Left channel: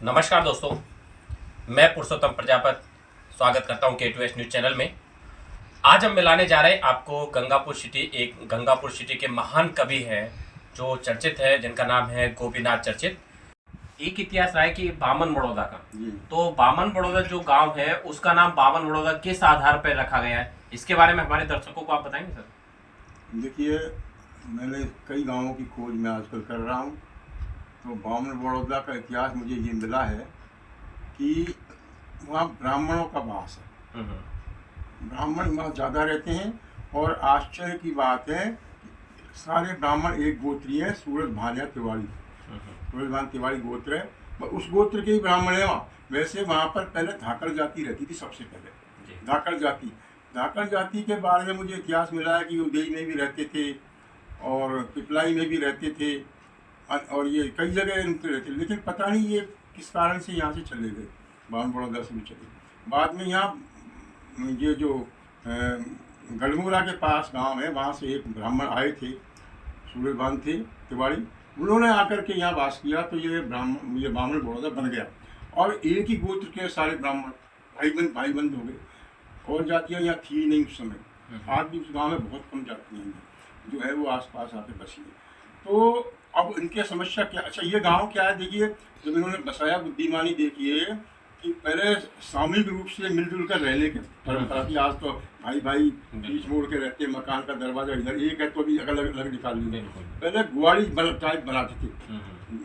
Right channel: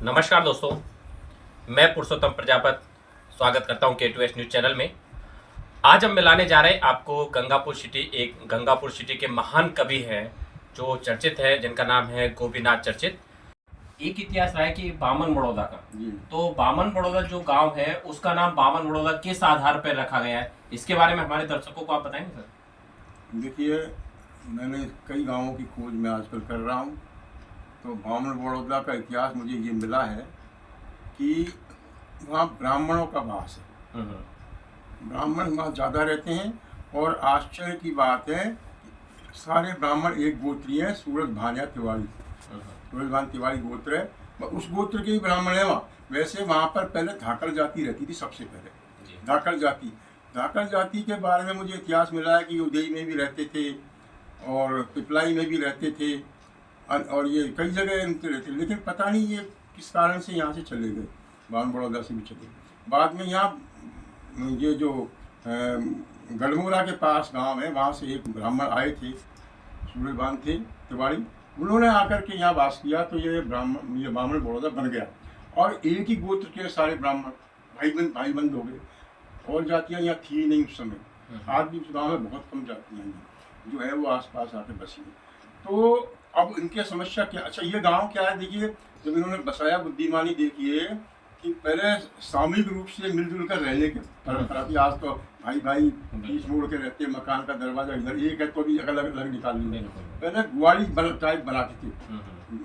नमस्कार दोस्तों, मैं पुरुषोत्तम प्रजापति स्वागत करता हूं K2S न्यूज़ चैनल में। आज हम मिलाने जा रहे हैं आपको गंगापुर सिटी। एक गंगापुर सिटी के महान कवि हैं जो चर्चित है, जिनका नाम है गोपीनाथ चर्चित। एक इतिहास रहा है कि बामन बड़ौदा का, तो बामन बड़ौदा जो गांव है उसका नाम बामन बड़ौदा किस आधार पर रखा गया है, इसके बारे में हमारे दर्शकों को आप बताएंगे सर? देखिए, मैंने कई गांवों की खोज में आजकल कर रहा हूं, तो बामन बड़ौदा का इतिहास मुझे ये मिला है कि वहाँ ब्राह्मणों का वास है। ब्राह्मण वहाँ ज़्यादा रहते हैं और आश्चर्य की बात है, सारे ब्राह्मण एक गोत्रीय हैं, सूरज भानिया तिवारी। सूरज भान तिवारी गोत्र है, उस गोत्र के ही ब्राह्मण है वहाँ। वैसे वहाँ पर पहले धाकड़ जाति रहती थी, सबसे पहले धाकड़ जाति के बारे में मुझे इतिहास मिला है कि उदय में भी रहते थे और पिपलाई में भी रहते थे और ये कई जगह रहते थे, लेकिन पता नहीं ये किस कारण से यहाँ से चले गए, बामन बड़ौदा से भी चले गए। बाद में यहाँ ये जो गढ़मुरा के पास गांव है, वहाँ से एक ब्राह्मण आए थे, सूर्यभान थे तिवारी, उन्होंने आकर के यहाँ वास किया, तो ये बामन बड़ौदा बन गया और एक ही गोत्र के सारे ब्राह्मण भाई बंद हो गए। और जातियाँ यहाँ थी नहीं उस समय, आज भी उस गाँव में बहुत कम जातियाँ हैं जो है वो आसपास आके बसी है। तो अब इनकी समस्या क्या, अच्छा ये गांव क्या है, देखिए जब इन्होंने बसाया बुद्धिमानी देखिए कि पहले सामूहिक रूप से मिलजुल कर रहने के परंपरा थी। आज तो भाई बीच मोड़ के रहते, मकान का दरवाजा इधर एक है तो भी अलग अलग निकाल लेंगे। पहले गुआड़ी टाइप बनाते थे,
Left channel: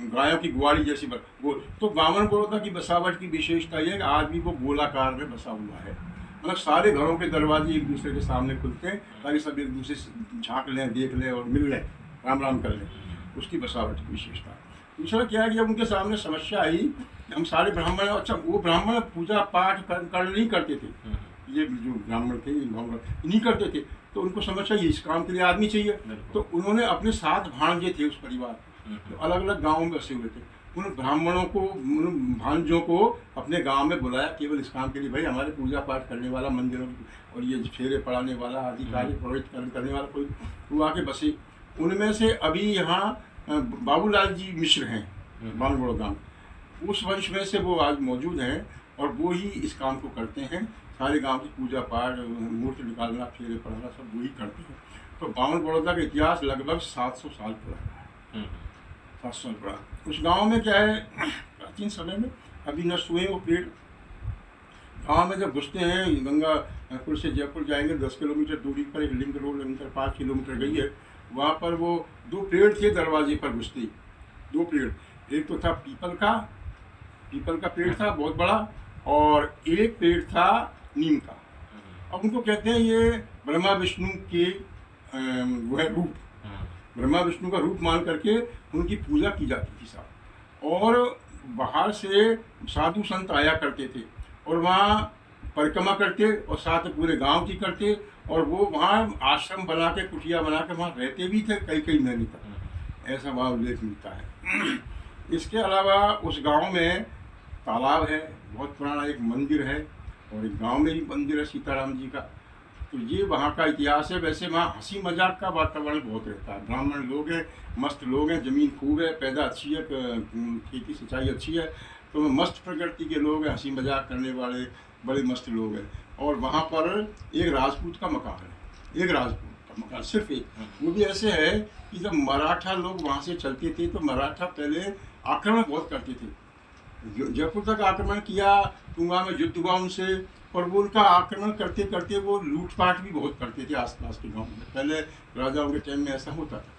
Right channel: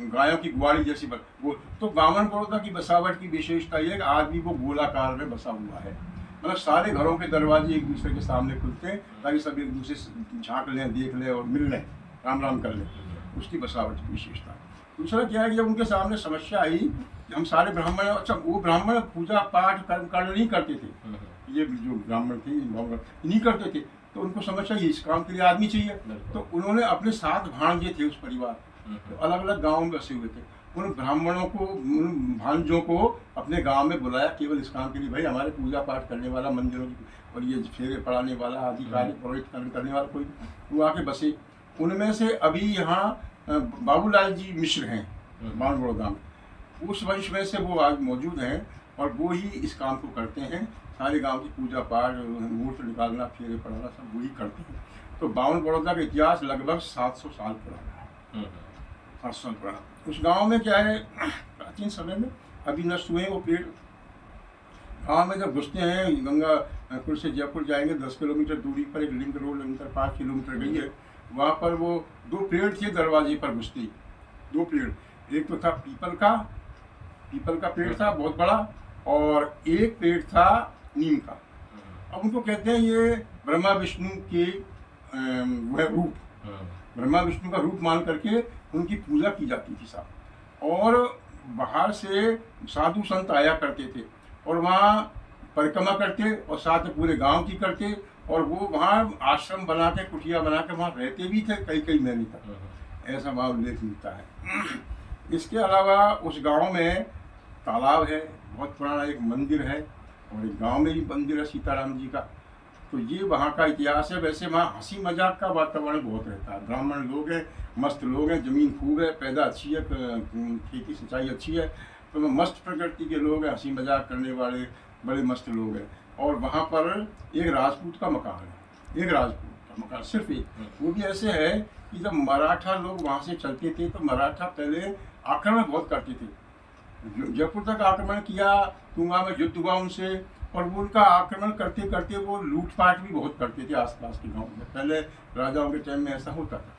गायों की गुआड़ी जैसी गोल। तो बामन बड़ौदा की बसावट की विशेषता ये है कि आज भी वो गोलाकार में बसा हुआ है, मतलब सारे घरों के दरवाजे एक दूसरे के सामने खुलते हैं ताकि सब एक दूसरे से झाँक लें, देख लें और मिल लें, राम कर लें। उसकी बसावट की विशेषता। दूसरा क्या है कि जब उनके सामने समस्या आई, हम सारे ब्राह्मण, अच्छा वो ब्राह्मण पूजा पाठ कर नहीं करते थे, ये जो ब्राह्मण थे नहीं करते थे, तो उनको समस्या ये, इस काम के लिए आदमी चाहिए। तो उन्होंने अपने 7 भांजे थे उस परिवार, तो अलग अलग गाँव में बसे हुए थे। उन ब्राह्मणों को, उन भांजों को अपने गांव में बुलाया केवल इस काम के लिए, भाई हमारे पूजा पाठ करने वाला, मंदिरों और ये फेरे पढ़ाने वाला, आदि कार्य पुरोहित करने वाला कोई, वो आके बसे। उनमें से अभी यहाँ बाबूलाल जी मिश्र हैं बामन बड़ौदा में, उस वंश में से वो आज मौजूद हैं और वो ही इस काम को करते हैं। सारे गांव की पूजा पाठ, मुहूर्त निकालना, फेरे पढ़ाना सब वही करते हैं। तो बामन बड़ौदा का इतिहास लगभग 700 साल पुराना है। 700 साल पुराना। उस गांव में क्या है, प्राचीन समय में अभी नष्ट हुए वो पेड़। गाँव में जब घुसते हैं, गंगापुर से जयपुर जाएंगे 10 किलोमीटर दूरी पर एक लिंक रोड लगातार 5 किलोमीटर गई है, वहाँ पर वो 2 पेड़ थे दरवाजे पर घुसते, 2 पेड़। एक तो था पीपल का पेड़ था बहुत बड़ा, और एक पेड़ था नीम का। अब उनको कहते हैं ये ब्रह्मा विष्णु के वह रूप, ब्रह्मा विष्णु का रूप मान करके उनकी पूजा की जाती थी साहब। और बाहर से साधु संत आया करते थे और वहाँ परिक्रमा करते और साथ में पूरे गांव की करते, और वो वहाँ आश्रम बना के, कुटिया बना के वहाँ रहते भी थे कई महीने तक, ऐसा वहाँ उल्लेख मिलता है। इसके अलावा उस गांव में तालाब है बहुत पुराना, एक मंदिर है और एक गांव में भी मंदिर है सीताराम जी का। तो ये वहाँ का इतिहास है। वैसे वहाँ हंसी मजाक का वातावरण बहुत रहता है, ब्राह्मण लोग हैं, मस्त लोग हैं, ज़मीन खूब है, पैदा अच्छी है, खेती सिंचाई अच्छी है, तो मस्त प्रकृति के लोग हैं, हंसी मजाक करने वाले बड़े मस्त लोग हैं। और वहाँ पर एक राजपूत का मकान है, एक राजपूत का मकान सिर्फ एक, वो भी ऐसे है कि जब मराठा लोग वहाँ से चलते थे तो मराठा पहले आक्रमण बहुत करते थे, जयपुर तक आक्रमण किया, तुंगा में युद्ध हुआ उनसे, और वो उनका आक्रमण करते करते वो लूटपाट भी बहुत करते थे आसपास के गाँव में। पहले राजाओं के टाइम में ऐसा होता था,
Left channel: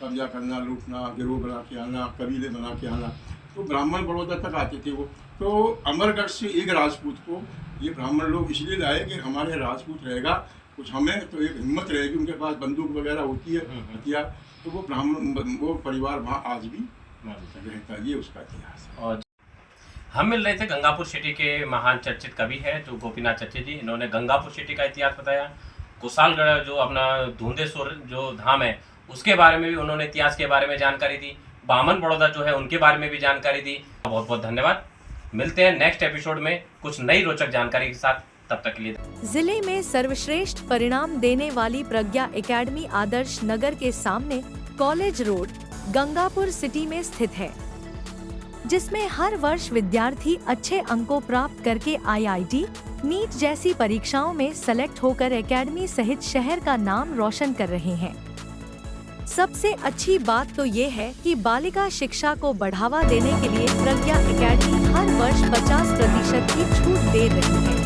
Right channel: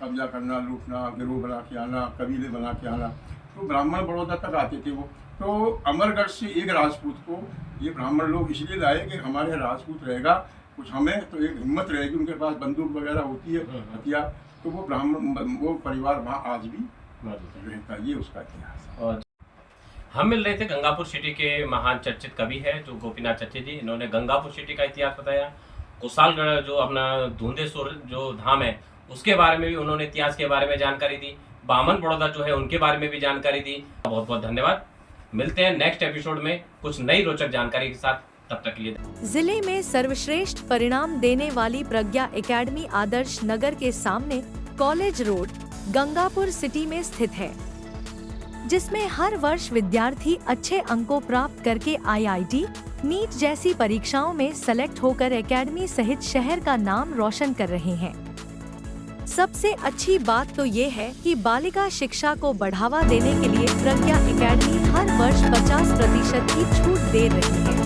कब्जा करना, लूटना, गिरोह बना के आना, कबीले बना के आना। तो ब्राह्मण बड़ौदा तक आते थे वो। तो अमरगढ़ से एक राजपूत को ये ब्राह्मण लोग इसलिए लाए कि हमारे यहाँ राजपूत रहेगा, कुछ हमें तो एक हिम्मत रहेगी, उनके पास बंदूक वगैरह होती है, हथियार, तो वो परिवार वहाँ आज भी रहता है। ये उसका इतिहास है। और हम मिल रहे थे गंगापुर सिटी के महान चर्चित कवि है जो गोपीनाथ चर्चित जी। इन्होंने गंगापुर सिटी का इतिहास बताया, कुशालगढ़ जो अपना धुंधेश्वर जो धाम है उसके बारे में भी उन्होंने इतिहास के बारे में जानकारी दी, बामन बड़ौदा जो है उनके बारे में भी जानकारी दी। बहुत बहुत धन्यवाद। मिलते हैं नेक्स्ट एपिसोड में कुछ नई रोचक जानकारी के साथ, तब तक के लिए। जिले में सर्वश्रेष्ठ परिणाम देने वाली प्रज्ञा एकेडमी आदर्श नगर के सामने कॉलेज रोड, गंगापुर सिटी में स्थित है। जिसमें हर वर्ष विद्यार्थी अच्छे अंकों प्राप्त करके IIT, नीट जैसी परीक्षाओं में सेलेक्ट होकर एकेडमी सहित शहर का नाम रोशन कर रहे हैं। सबसे अच्छी बात तो ये है कि बालिका शिक्षा को बढ़ावा देने के लिए प्रज्ञा एकेडमी हर वर्ष 50% की छूट दे रही है।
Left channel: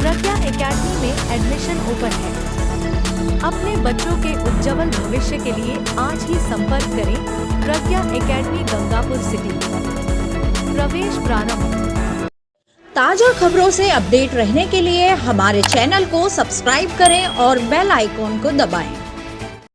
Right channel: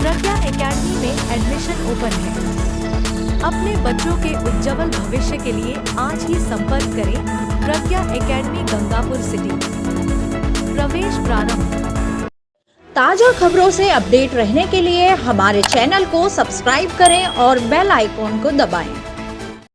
प्रज्ञा एकेडमी में एडमिशन ओपन है। अपने बच्चों के उज्जवल भविष्य के लिए आज ही संपर्क करें प्रज्ञा एकेडमी गंगापुर सिटी। प्रवेश प्रारंभ। ताजा खबरों से अपडेट रहने के लिए हमारे चैनल को सब्सक्राइब करें और बेल आइकॉन को दबाएं।